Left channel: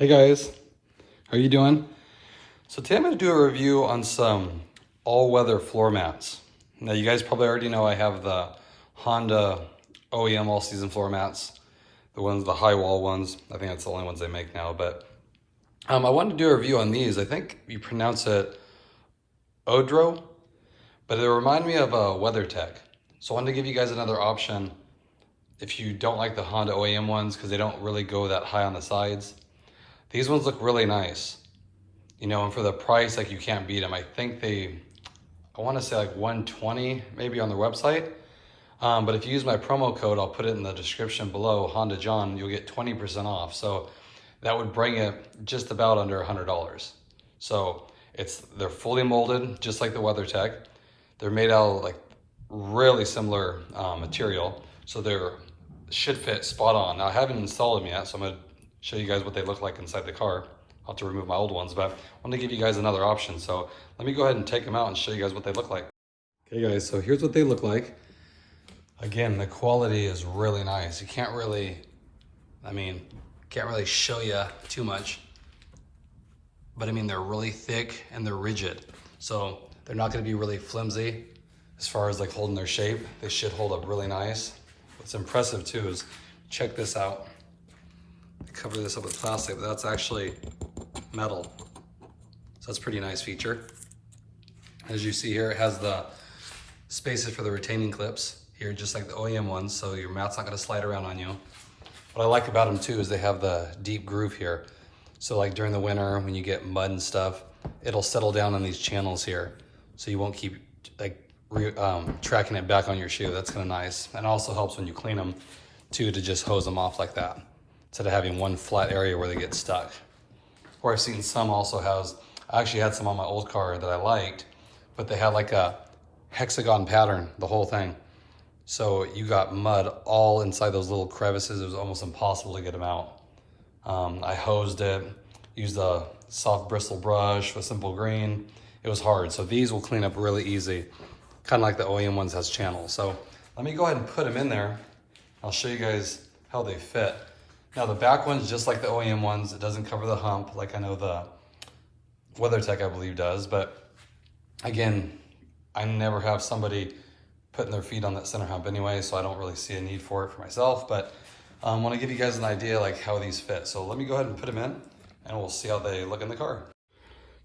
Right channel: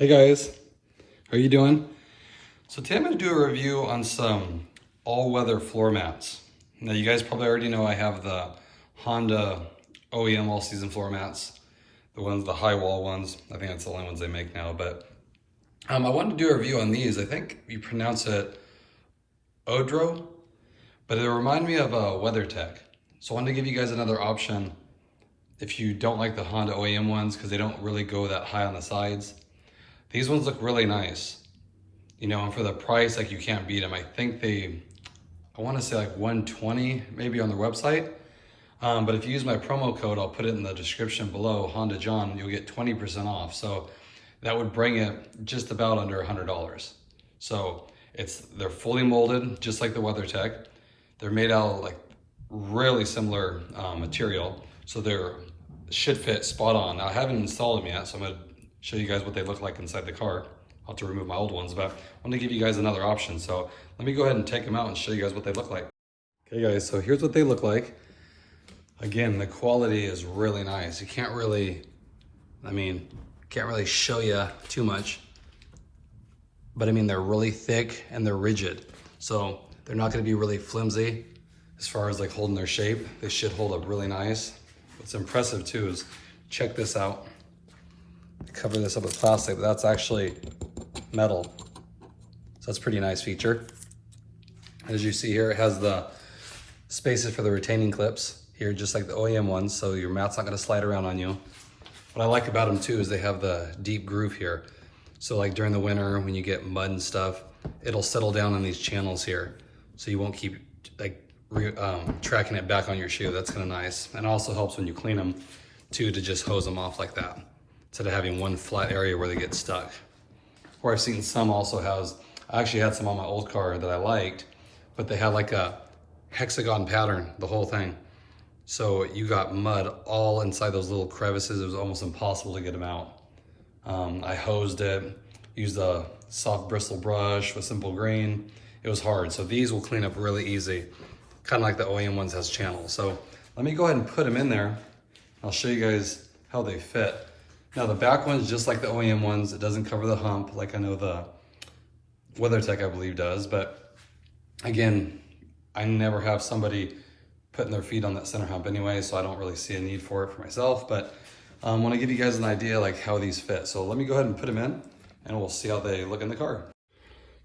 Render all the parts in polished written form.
Hey guys, how are you doing? So today I'm going to do a review on some all-weather floor mats. Now you guys probably already know I have the Honda OEM all-season floor mats, the high wall ones. I think that's the only ones they make now, but I wanted to do a review on these. I think you pronounce it Oedro, but it reminded me of a WeatherTech. So I wanted to give you guys another option if you don't like the Honda OEM ones because they don't really go that high on the sides. These ones look really nice, you know, and for the price, like you can't beat them. I think I want to say like 120 maybe on their website. But if you use my promo code, I'll put it in the description below, Honda John, you'll get 20% off. So that would bring it just about under $100. So they're fully molded, just like the WeatherTech. They're made out of like really similar material. So they're should fit spot on. Now I haven't installed them yet, so I'm gonna show you guys what they look like inside the car. I'll have to remove my old ones, but I want to give you guys another option. So let me go ahead and take them out and show you guys what they look like. Okay guys, so here's what they look like. Again, the quality is really nice. You can't really, can't really show you too much, but I mean, they're really thick and they're rigid. So they're not gonna be really flimsy as far as like holding their shape. They should hold up really nice. What's impressive too is, check this out. Cover this up with plastic, but that's actually metal. So that's a pretty nice feature. As you see here, it has the spaces for the retaining clips here, just like the OEM ones, so your mat's not gonna slide around on you. What I like about them too is they have the deep groove here. So like during the winter, when you get mud and stuff, it'll settle down on these channels here. So you won't keep like tracking it back on your shoe. That's kind of nice. And it also helps when you clean them too, to just hose them off like that, instead of having one flat area where they get stuck. Or I've seen some also I actually had some on my old car that I liked, but they had like a hexagon pattern, the whole thing. So you got mud all inside those little crevices. It was almost impossible to get them out. I hosed it, used a soft bristle brush, a simple green. It was hard. So these will clean up really easy, kind of like the OEM ones has channels. So let me go ahead and put them in there. I'll show you guys how they fit. Now the back one's just like the OEM ones. It doesn't cover the hump like I know the WeatherTech I believe does, but again, I never have somebody putting their feet on that center hump anyway, so I don't really see a need for it for myself, but I want to give you guys an idea like how these fit. So let me go ahead and put them in and we'll see how they look in the car.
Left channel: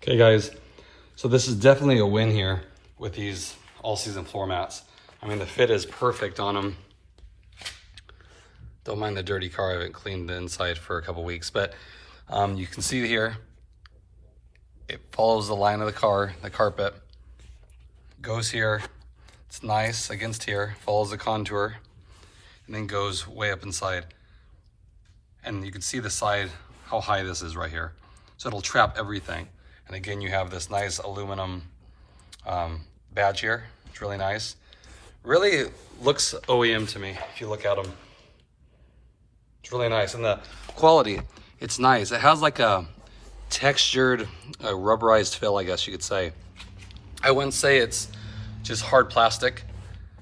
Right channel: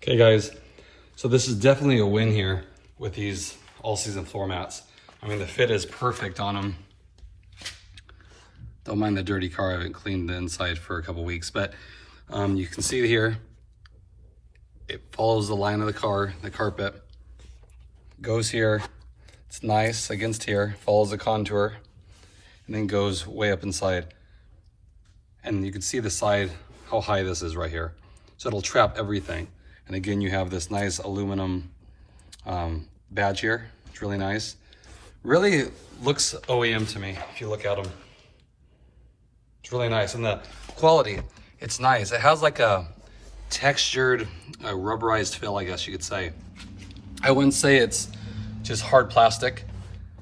Okay guys, so this is definitely a win here with these all-season floor mats. I mean, the fit is perfect on them. Don't mind the dirty car. I haven't cleaned the inside for a couple weeks, but you can see here, it follows the line of the car, the carpet. Goes here, it's nice against here, follows the contour, and then goes way up inside. And you can see the side, how high this is right here. So it'll trap everything. And again, you have this nice aluminum badge here. It's really nice. Really looks OEM to me, if you look at them. It's really nice, and the quality, it's nice. It has like a textured, rubberized feel, I guess you could say. I wouldn't say it's just hard plastic.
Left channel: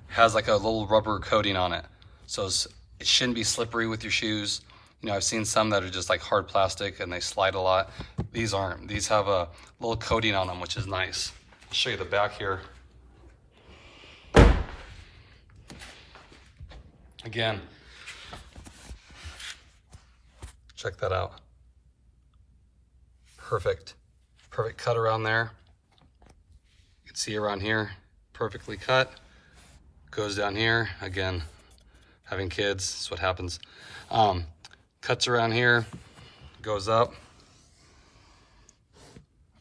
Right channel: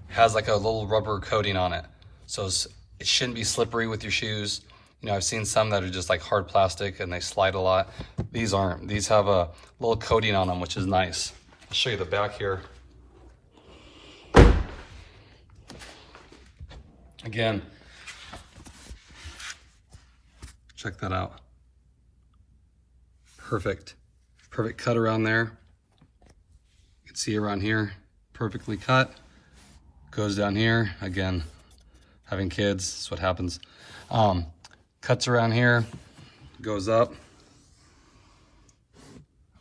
It has like a little rubber coating on it. So it shouldn't be slippery with your shoes. You know, I've seen some that are just like hard plastic and they slide a lot. These aren't. These have a little coating on them, which is nice. I'll show you the back here. Again, check that out. Perfect cut around there. You can see around here, perfectly cut. Goes down here. Again, having kids, that's what happens. Cuts around here, goes up.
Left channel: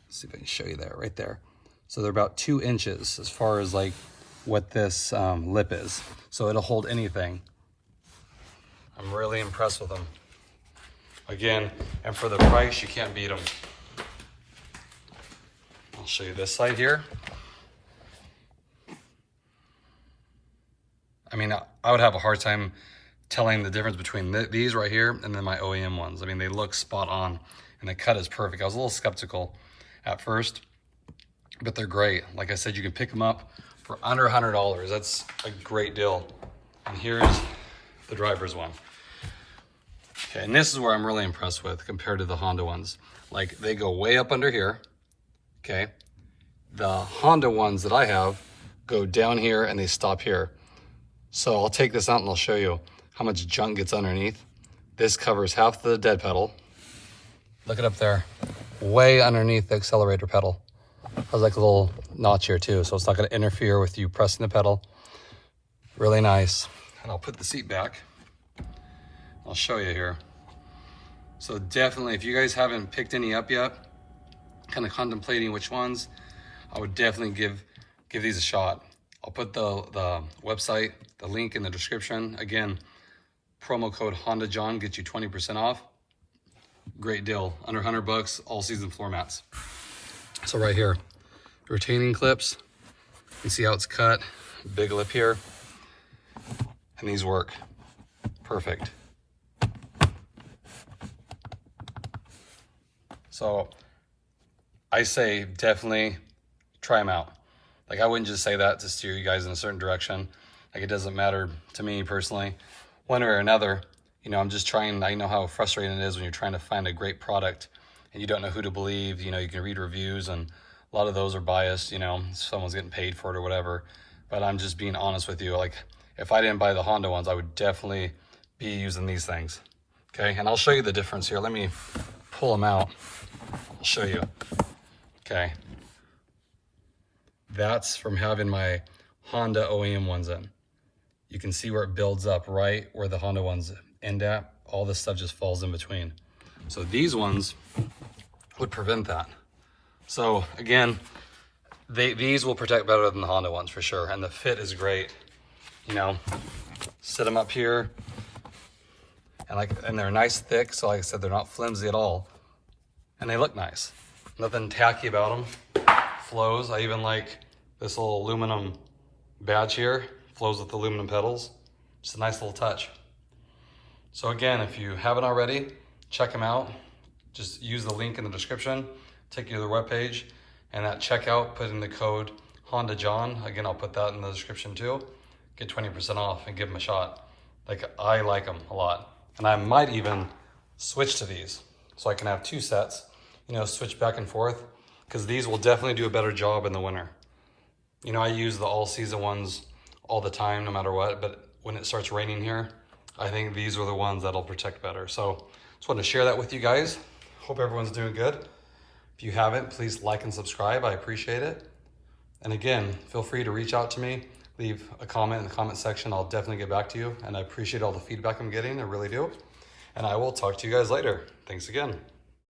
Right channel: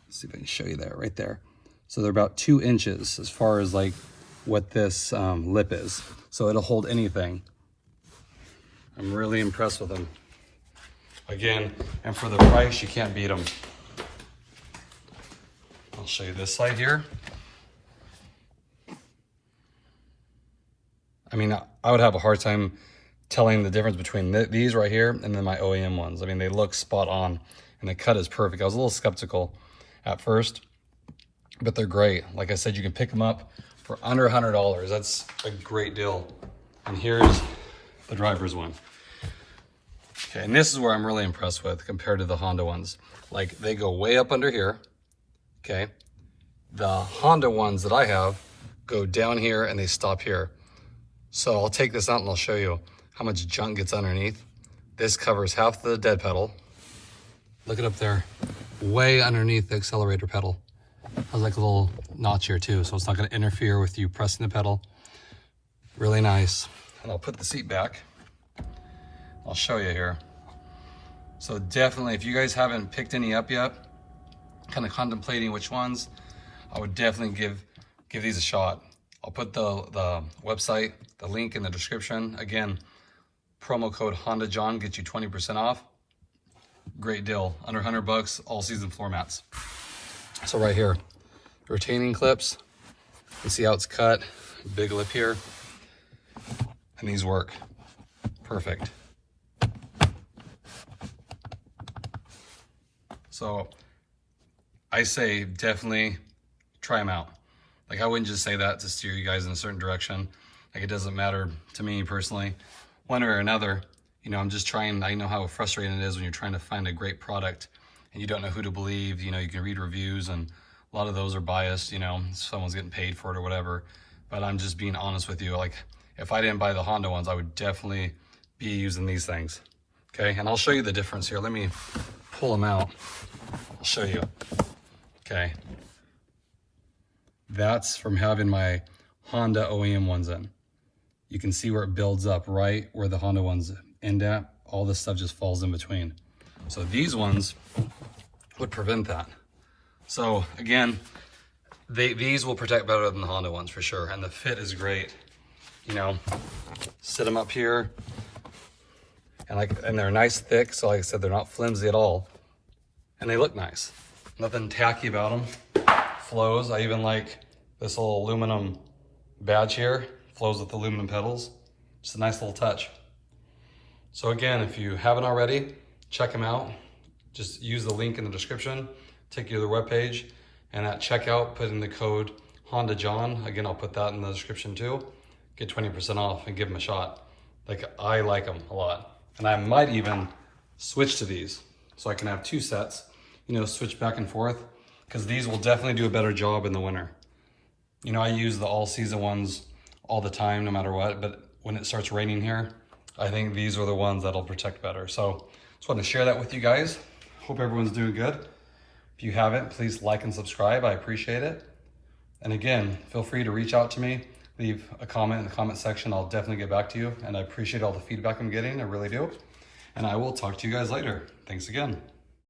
Let's see if I can show you that right there. So they're about 2 inches as far as like what this lip is. So it'll hold anything. I'm really impressed with them. Again, and for the price, you can't beat them. I'll show you this side here. I mean, I would have a hard time telling the difference between these right here and then my OEM ones. I mean, they look spot on and the cut is perfect. I was a little skeptical at first, but they're great. Like I said, you can pick them up for under $100. That's a great deal. And here's the driver's one. Okay, and this is where I'm really impressed with compared to the Honda ones. Like, they go way up under here, okay? The Honda ones that I have go down here and they stop here. So I'll take this out and I'll show you how much junk gets underneath. This covers half the dead pedal. Look it up there, way underneath the accelerator pedal. Has like a little notch here too, so it's not gonna interfere with you pressing the pedal. Really nice. And I'll put the seat back. I'll show you here. So definitely, if you guys haven't picked any up yet, kind of contemplating which ones, I would definitely give these a shot. I'll put the website, the link in the description. Again, promo code Honda John gets you 20% off. Great deal, under 100 bucks, all season floor mats. So right here, retaining clips. You can see how it's cut, big lip here. And these work perfect. So I say definitely try them out. Like, I wouldn't just say that to steer you guys in a certain direction. Like, it doesn't matter to me personally, one way or another. You know, I'm just trying, I know how frustrating it is when you're trying to find a great product and you don't know who to believe. You know, you can read reviews and a lot of those are biased, you know, someone's getting paid for it or whatever. But I'm just being honest with you. Like, if I didn't buy the Honda ones, I would definitely be using these things. Okay, and I'll show you the difference here. Let me pull them out. I'll show you. Okay. That's from having my Honda OEM ones in. You can see where it builds up right where the Honda ones end at. All this stuff just falls in between. So these ones would prevent that. So again, these will protect better than the Honda ones for sure. And the fit is great. You know, sit them up here and they're nice thick. So like I said, they're not flimsy at all. And they look nice. Nothing tacky about them. Flows. I even like this little aluminum badge here. Flows with the aluminum pedals. Just a nice little touch. So again, if you haven't already, check them out. Just use the link in the description, take you to the webpage, and at checkout, put in the code Honda John. Again, I'll put that in the description too. Get 20% off and give them a shot. Like, I like them a lot. And I might even switch to these so I can have two sets, you know, switch back and forth, because these will definitely do a better job in the winter. You know, I use the all season ones all the time, no matter what, but when it starts raining here, I think these are the ones that'll protect better. So just wanted to share that with you guys. Hope everyone's doing good. If you haven't, please like and subscribe. I appreciate it. And again, feel free to reach out to me, leave a comment in the comment section. I'll definitely get back to you. And I appreciate all the feedback I'm getting. I really do. And I will talk to you guys later. Thanks again.